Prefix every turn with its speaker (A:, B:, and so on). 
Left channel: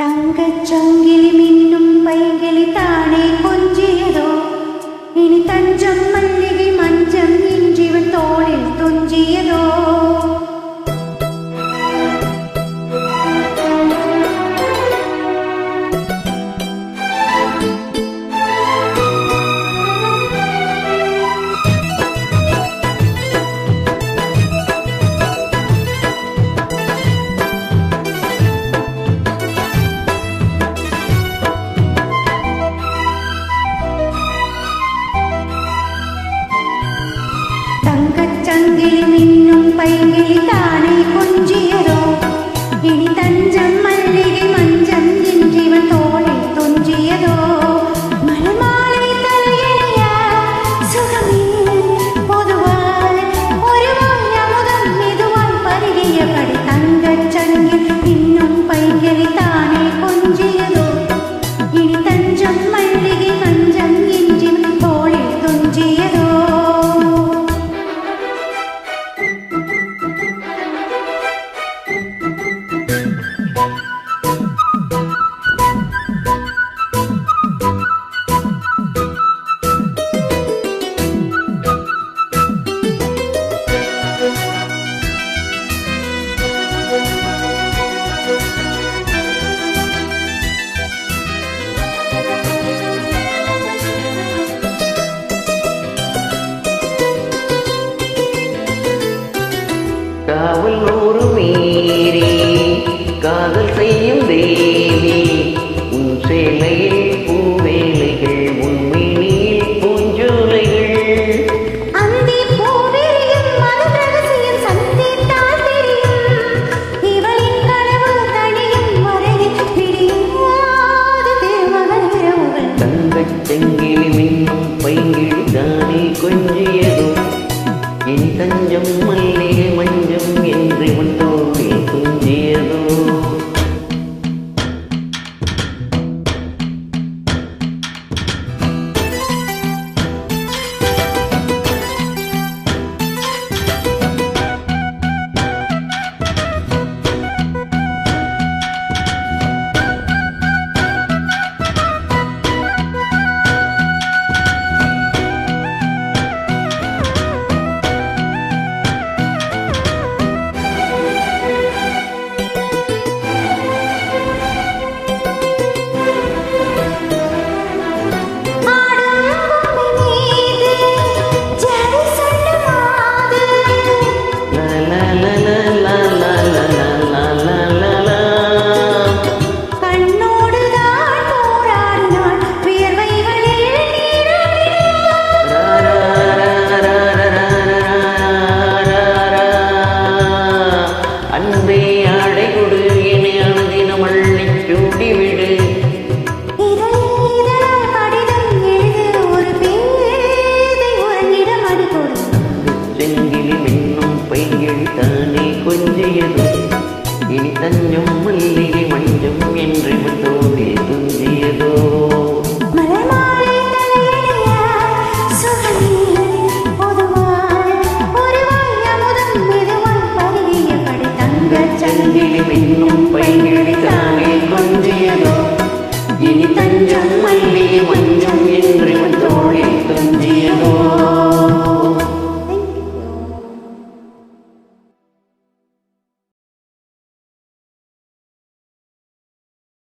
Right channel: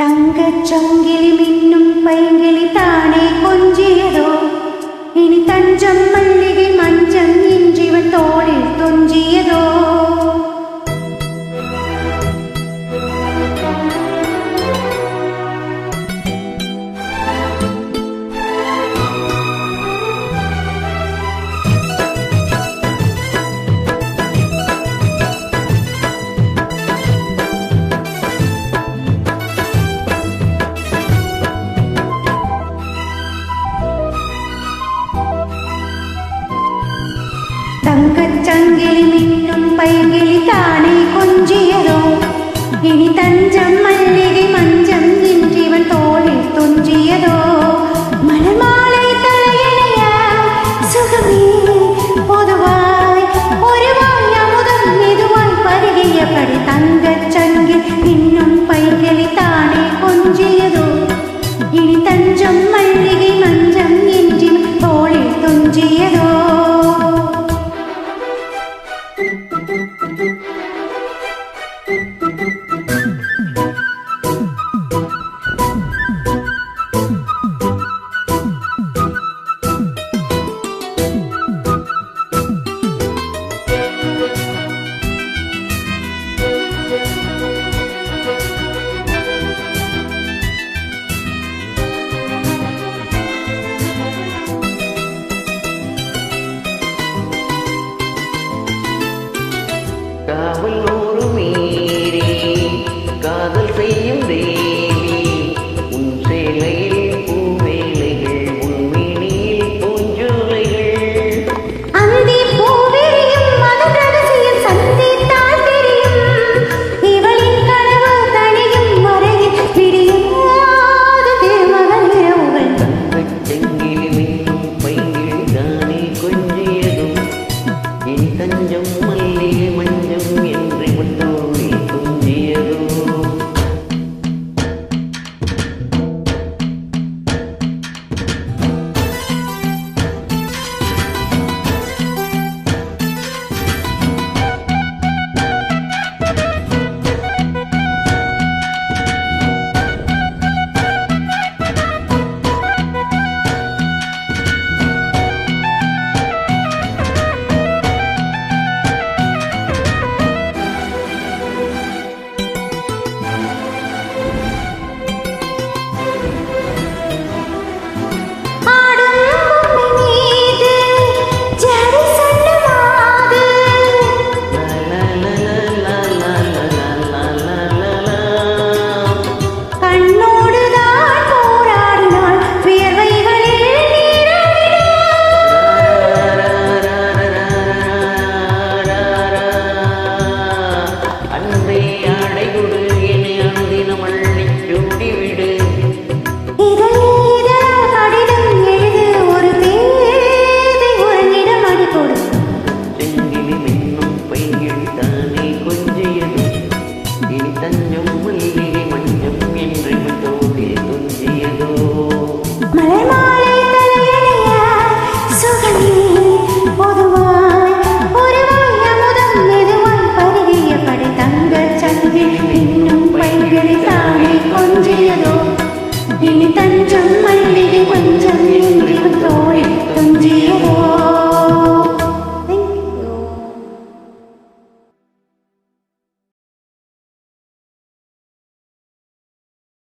A: தங்கச் சங்கிலி மின்னும் பைங்கிலி தானே கொஞ்சியதோ? இனி தஞ்சம் மல்லிகை மஞ்சம் இன்றிவன் தோளில் தொஞ்சியதோ? சங்கிலி மின்னும் பைங்கிளி தானே கொஞ்சியதோ? இனி தஞ்சம் மல்லிகை மஞ்சம் இன்றிவன் தோளில் துஞ்சியதோ? மலர் மாலை தலையணைய சுகமே பொதுவாய் ஒருவாய் அமுதம் மெதுவாய் பருகியபடி தங்கச் சங்கில் இன்னும் பைங்கிளி தானே கொஞ்சியதோ? இனி தஞ்சம் மல்லிகை மஞ்சம் இன்றிவன் தோளில் துஞ்சியதோ? Thank you.
B: காவல் நூறு மீறி காதல் செய்யும் தேவி. உன் சேலையில் பூவேலைகள் உன் மினியில் பூஞ்சோலைகள். செங்கிலி மின்னும் பைங்கிழி தானே கொஞ்சியதும். இனி மல்லிகை மண் குதிரை மட்டும் துஞ்சியதோ
A: தஞ்சம்
B: மல்லிகை மஞ்சம் என்று இவன் தோழில் துஞ்சியதோ தஞ்சம்